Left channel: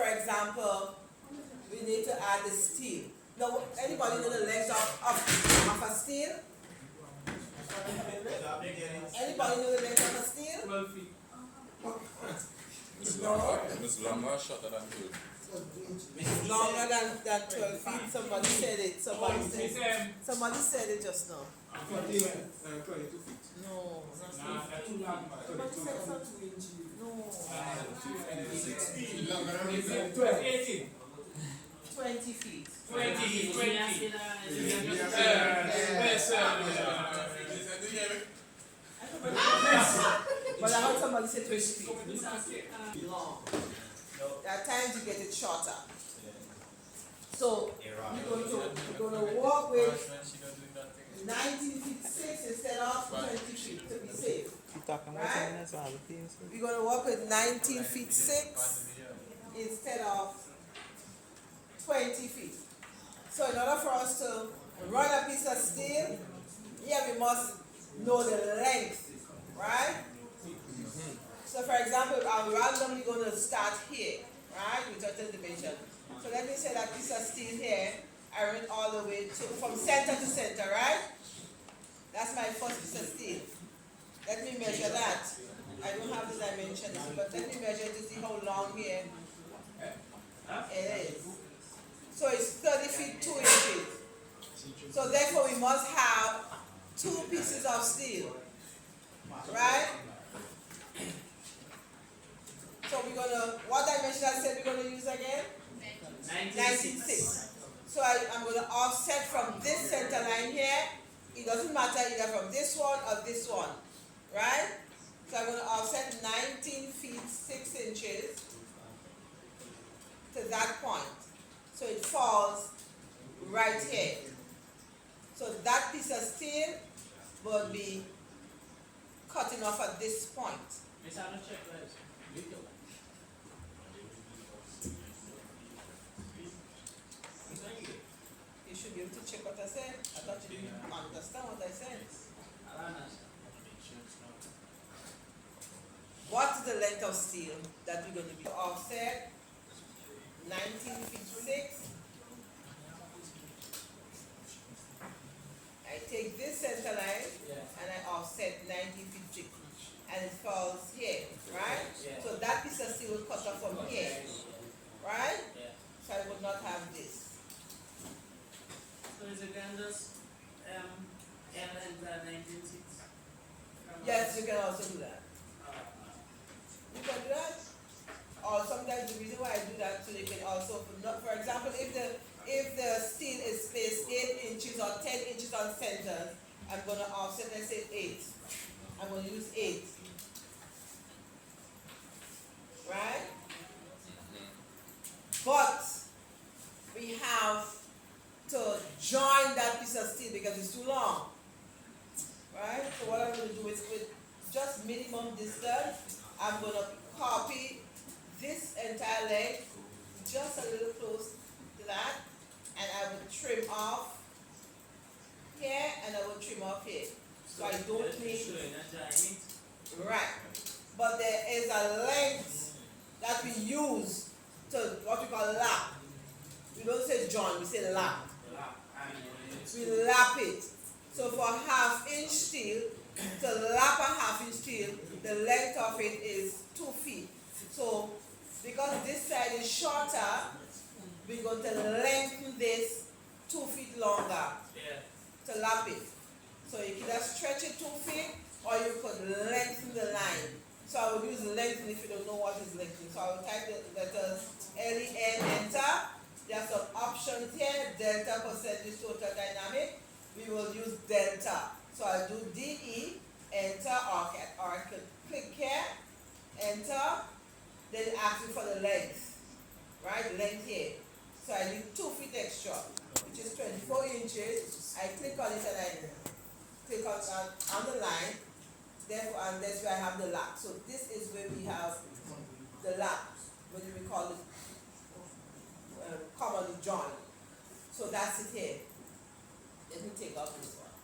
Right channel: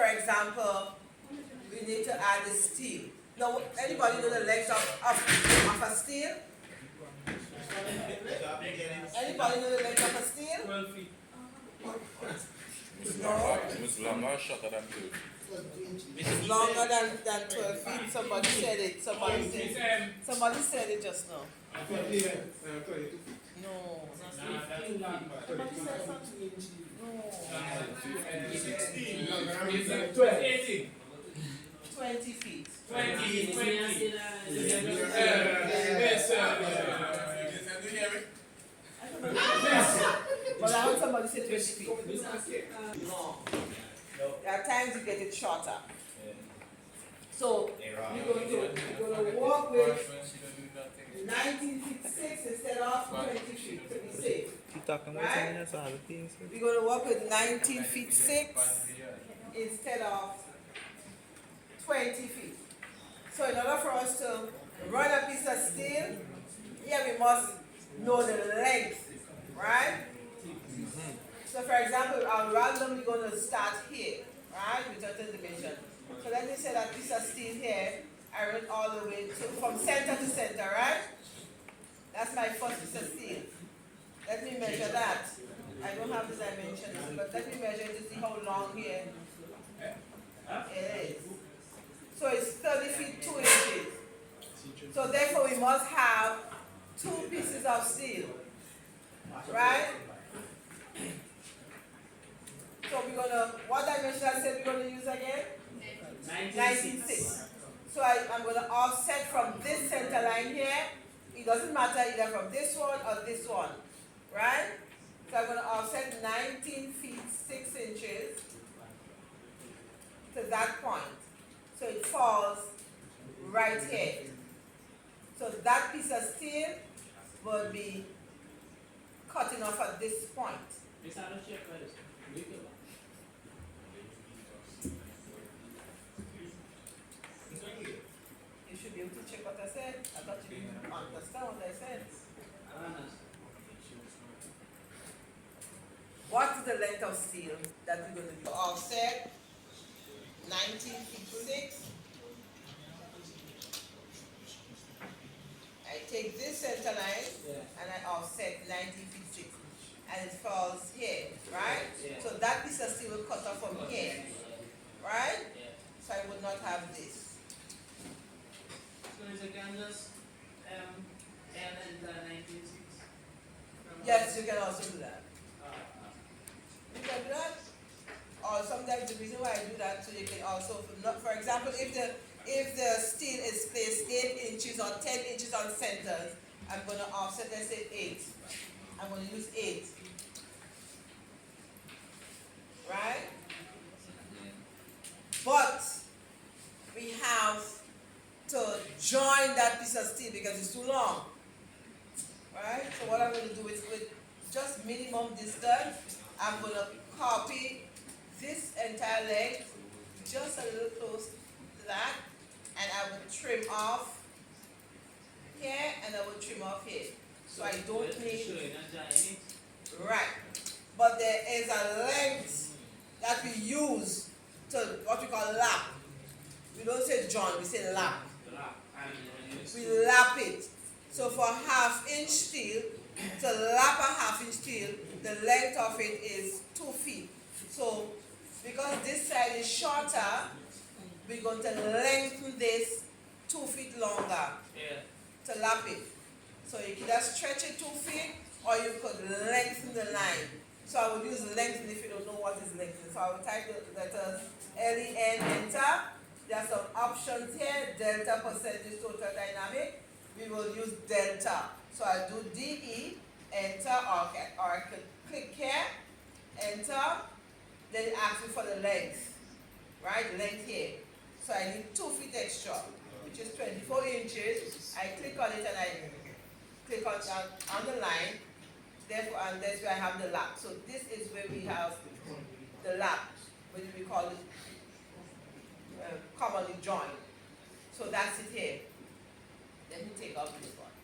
for example, we need to add the steel. Now, anybody know the length of a steel? Anybody know the length of a steel? 12 feet. It's longer or shorter than 12? It's longer than 12 feet. Somebody said it. Somebody said it just now. 22 feet. No. Nah, that's too long. 16. 18. 20 feet. 20. But I heard somebody say 20 feet. Long. There are times you get it shorter. So we're going to walk with 19 feet 6 instead of 20 feet to be safe. You talking about Right? that's all the things. We're going to walk with 19 feet 6 instead of 20 feet. So in order for us to run a piece of steel, here we must know the length, right? So for example, I'm randomly going to start here, right, with a division. So let me say that piece of steel here, I run all the way from center to center, right? That's my first piece of steel. Let me measure that. I don't have the dimensions, but let me measure it to see how long here it is. So it's 30 feet 2 inches. So therefore we must have 2 pieces of steel, right? So we're gonna, what dimension I said we're gonna use again? 19.6. So I'm gonna offset from this center line here. It doesn't matter either from this one or this one, right? So I'm gonna offset 19 feet 6 inches to that point. So it falls right here. So that piece of steel will be cutting off at this point. You should be able to check what I said. I thought you didn't understand what I said. What is the length of steel that we're going to be offset? 19 feet 6. I take this center line and I offset 19 feet 6. And it falls here, right? So that piece of steel will cut off from here, right? So I will not have this. So is it can just L and 19.6? Yes, you can also do that. You can do that. Or sometimes the reason why I do that, so you can also, for example, if the steel is placed 8 inches or 10 inches on centers, I'm going to offset, let's say 8. I'm going to use 8. Right? But we have to join that piece of steel because it's too long. Right? So what I'm going to do is with just minimum distance, I'm going to copy this entire leg just a little close to that, and I will trim off here and I will trim off here. So I don't need, right, but there is a length that we use to what we call lap. We don't say join, we say lap. We lap it. So for 1/2 inch steel, to lap a 1/2 inch steel, the length of it is 2 feet. So because this side is shorter, we're going to lengthen this 2 feet longer to lap it. So you can either stretch it 2 feet or you could lengthen the line. So I will use lengthen if you don't know what is lengthen. So I will type the letters LEN, enter. There are some options here, delta percentage total dynamic. We will use delta. So I do DE, enter, or I can click here, enter. Then it asks me for the length, right? Length here. So I need 2 feet extra, which is 24 inches. I click on it and I click on the line. Therefore, and that's where I have the lap. So this is where we have the lap, what we call it commonly joint. So that's it here. Let me take out this one.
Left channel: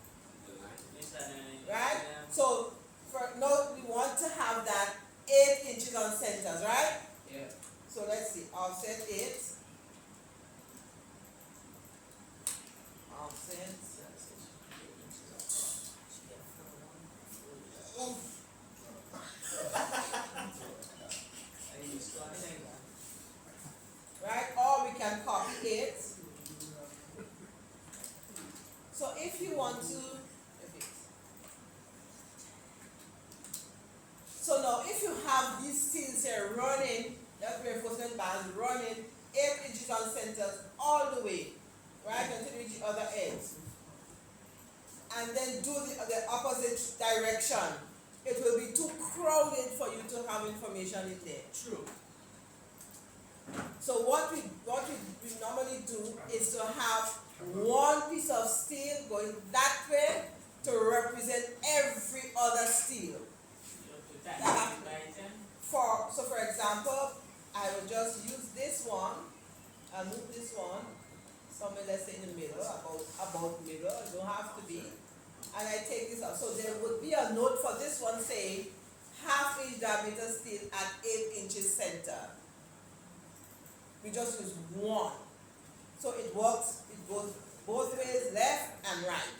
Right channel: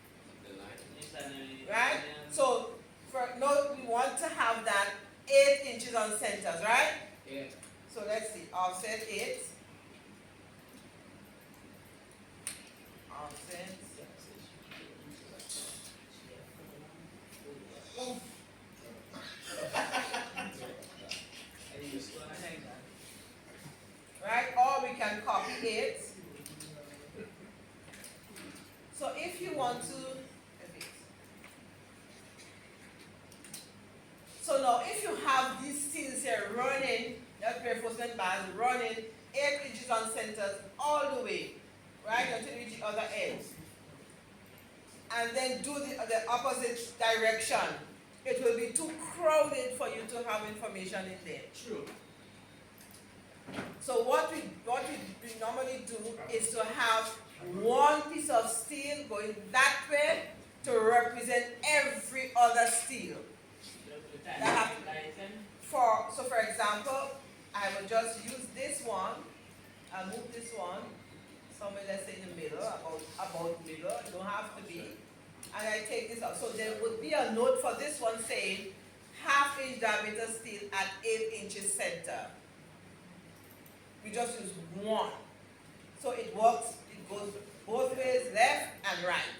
Right? So for now we want to have that 8 inches on centers, right? Yeah. So let's see, offset 8. Offset. Right, or we can copy it. So if you want to, so now if you have these steels here running, that reinforcement bars running 8 inches on centers all the way, right, until you reach the other edge, and then do the opposite direction, it will be too crowded for you to have information in there. True. So what we normally do is to have one piece of steel going that way to represent every other steel. For example, I will just use this one. I'll move this one somewhere, let's say in the middle, about middle. It don't have to be. And I take this out. So there would be a note for this one saying 1/2 inch diameter steel at 8 inches center. We just use one. So it works, it goes both ways, left and right.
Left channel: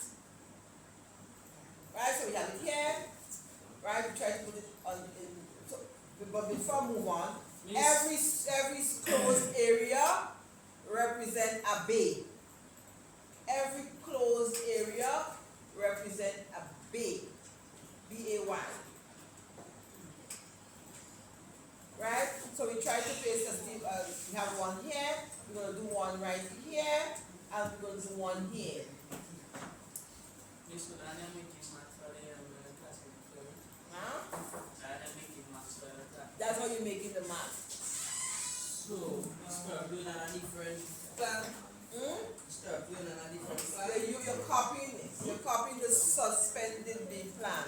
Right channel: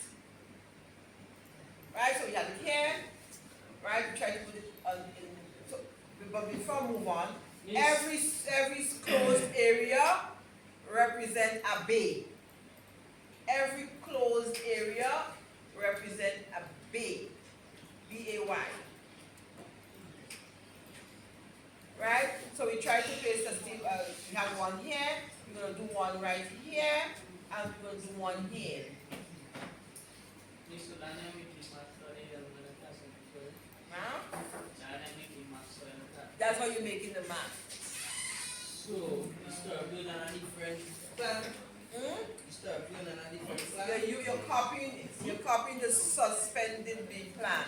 Right, so we have it here. Right, we try to put it on but before I move on, every closed area represents a bay. Every closed area represents a bay. B-A-Y. Right? So we try to place a steel, we have one here, we're going to do one right here, and we're going to do one here. Huh? That's how you're making the math. So, you start doing on a different plan. You start doing on a different plan. You're copying the suspended B plan.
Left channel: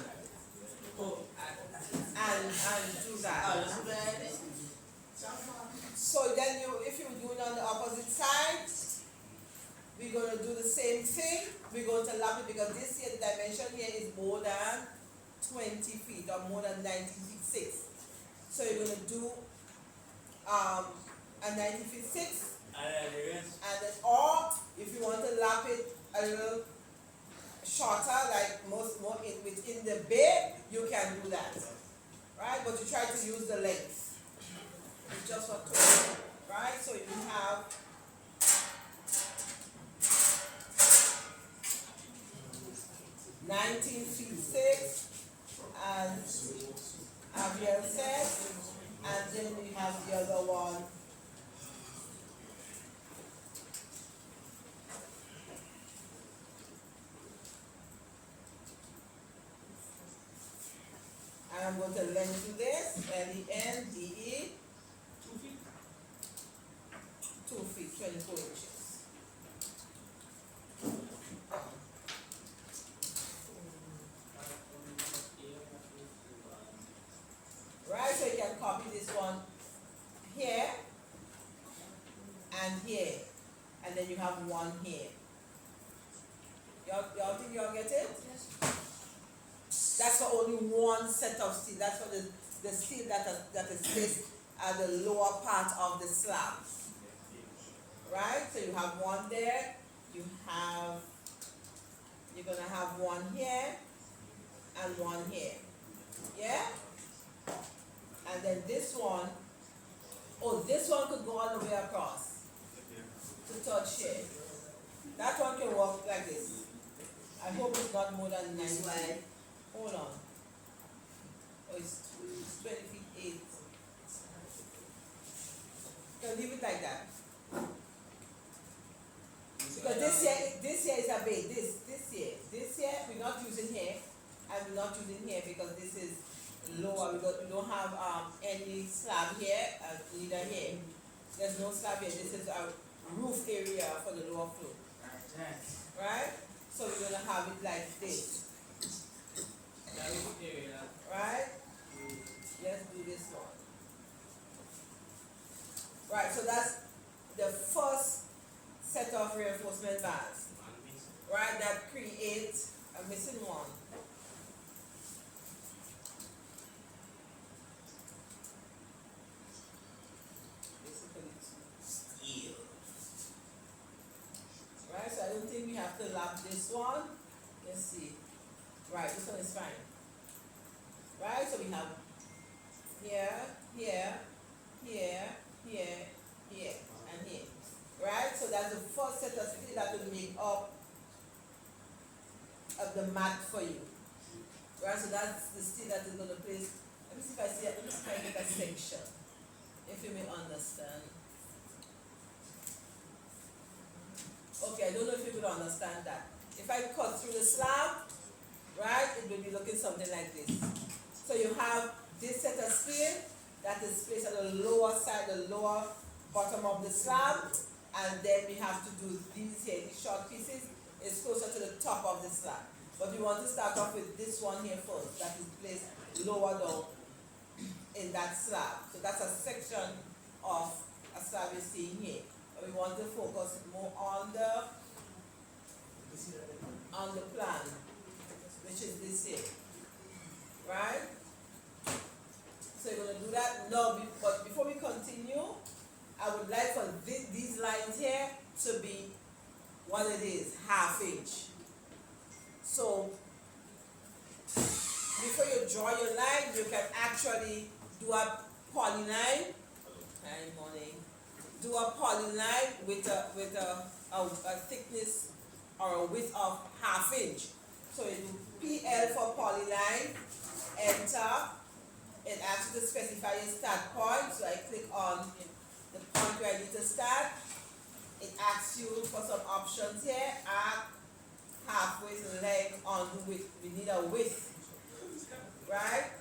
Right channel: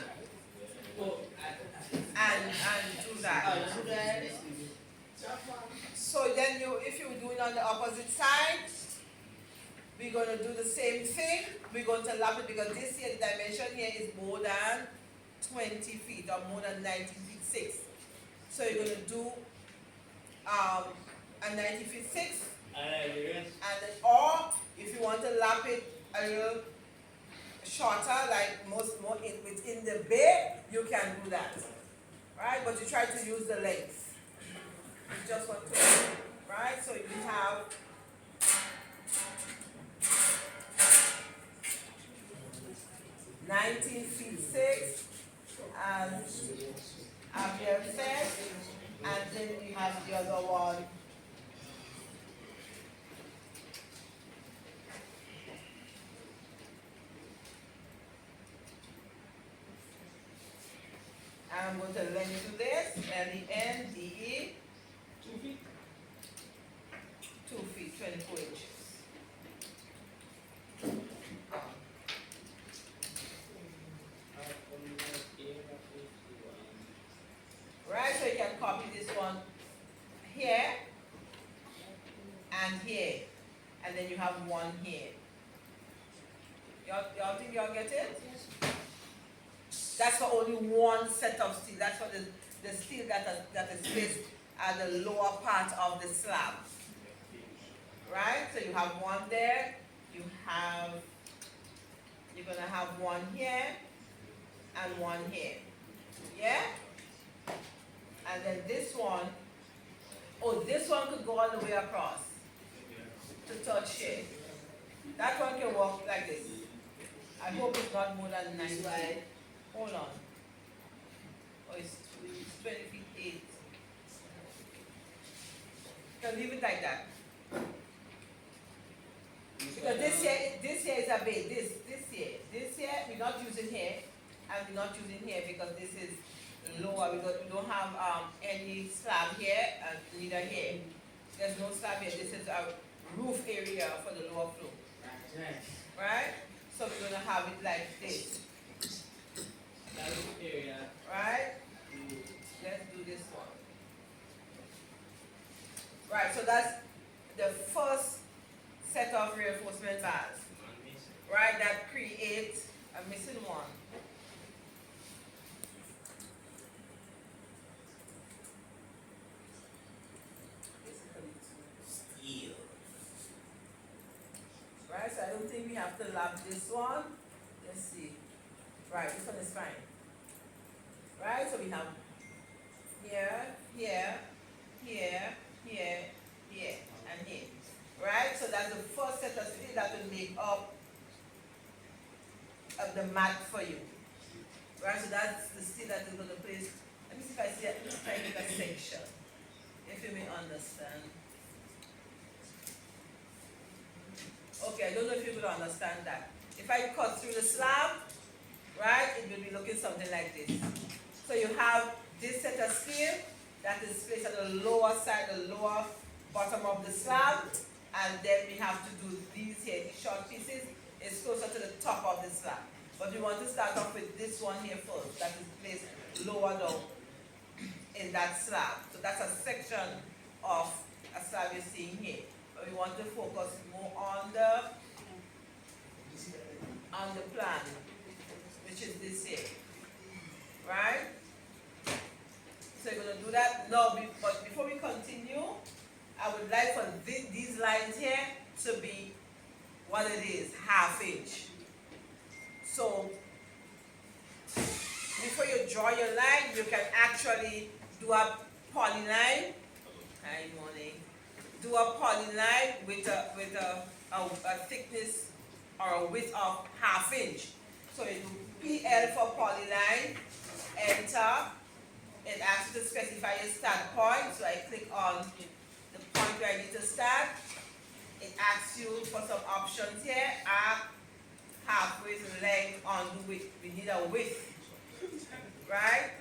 Oh, And do that. So then if you do it on the opposite side, we're going to do the same thing. We're going to lap it because this here, the dimension here is more than 20 feet or more than 19 feet 6. So you're going to do a 90 feet 6. And then, or if you want to lap it a little shorter, like more within the bay, you can do that. Right? But you try to use the length. You just want to, right? So you have 19 feet 6, as Javier said, and then we have the other one. And I'm going to lengthen this, L-E-N-D-E, 2 feet. 2 feet, 24 inches. Right, so you can copy this one here and here, and then you have one here. Y'all think y'all get it? Yes. That's for only one set of steel. That's for the steel that is placed at the lower part of the slab. Right? So you have one there, you're gonna have one here and one here. Yeah? And then this one, this one could go all the way across to touch here. That one can walk like this. I hope it's not more than 9 feet. Hold on. Oh, it's 20 feet 8. You can leave it like that. Because this here is a bay. This here we're not using here, and we're not using here because this is lower. We don't have any slab here and neither here. There's no slab here. This is a roof area for the lower floor. Right? So we're gonna have it like this. Right? Let's do this one. Right, so that's the first set of reinforcement bars. Right, that creates a missing one. to lap this one. Let's see. Right, this one is fine. Right, so we have here, here, here, here, here, and here. Right, so that's the first set of steel that will make up of the mat for you. Right, so that's the steel that is going to place. Let me see if I see it. Let me see if I get a section. If you may understand. Okay, I don't know if you will understand that. If I cut through the slab, right, it will be looking something like this. So you have this set of steel that is placed at the lower side, the lower bottom of the slab, and then we have to do these here, these short pieces, is closer to the top of the slab. But we want to start off with this one here first, that is placed lower down in that slab. So that's a section of a slab you're seeing here. But we want to focus more on the plan, which is this here. Right? So you're going to do that. No, but before we continue, I would like for these lines here to be what it is, 1/2 inch. So before you draw your line, you can actually do a polyline. Hi, morning. Do a polyline with a thickness or a width of 1/2 inch. So you do PL for polyline, enter. It asks you to specify your start point. So I click on the point where I need to start. It asks you for some options here. Arc, halfway, length, on the width. We need a width. Right?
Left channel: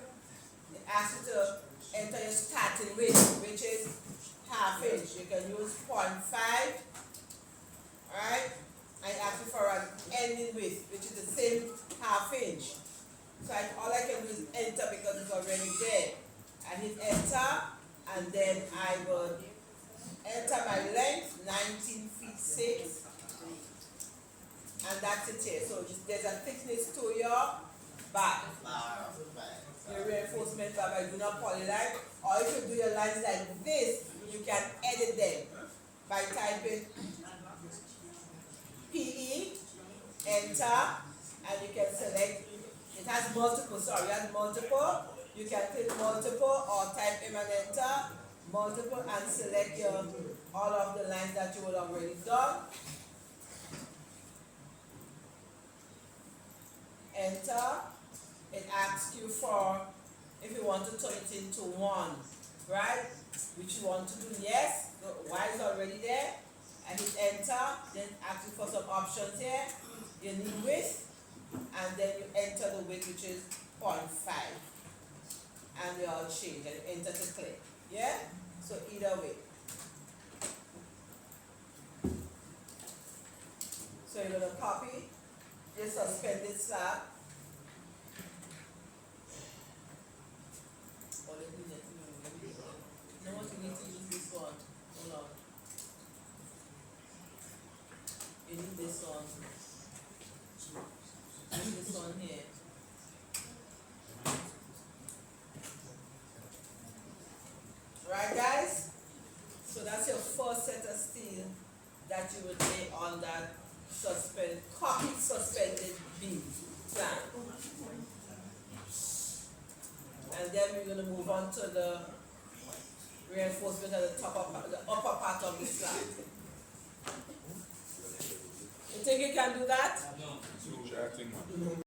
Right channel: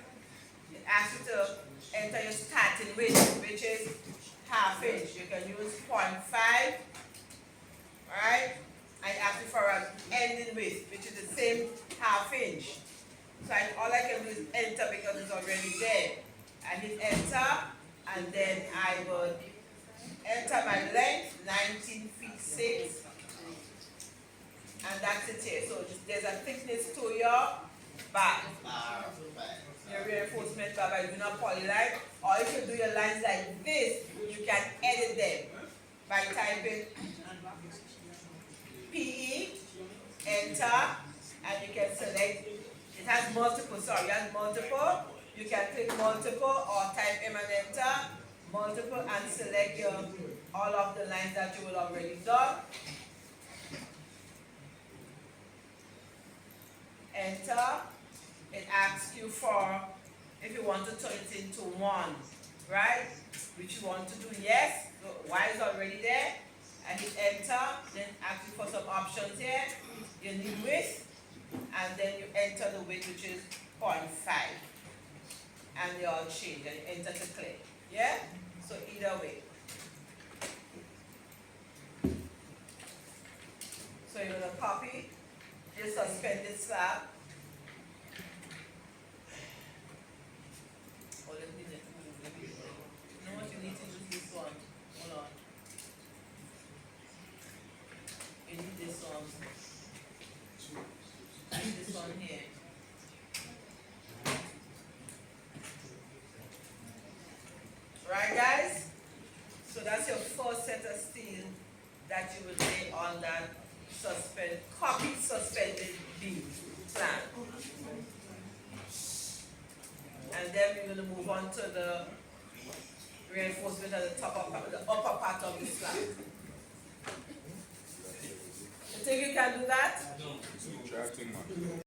It asks you to enter your starting width, which is 1/2 inch. You can use 0.5. Right? I ask you for an ending width, which is the same 1/2 inch. So all I can do is enter because it's already there. I hit enter, and then I would enter my length, 19 feet 6. And that's it here. So there's a thickness to your bar. Your reinforcement bar by doing a polyline. Or if you do your lines like this, you can edit them by typing PE, enter, and you can select. It has multiple, You can click multiple or type M and enter, multiple, and select all of the lines that you will already done. Enter. It asks you for if you want to turn it into 1, right? Which you want to do, yes. The Y is already there. I hit enter, then ask you for some options here. You need width, and then you enter the width, which is 0.5. And they all change, and you enter to click. Yeah? So either way. So you're going to copy this suspended slab. Oh, let me do it. You know what, you need to use this one. Hold on. You need this one. I need this one here. Right, guys? So that's your first set of steel that you would lay on that copied suspended beam plan. And then we're going to move on to the reinforcement at the upper part of the slab. You think you can do that? Chatting, man.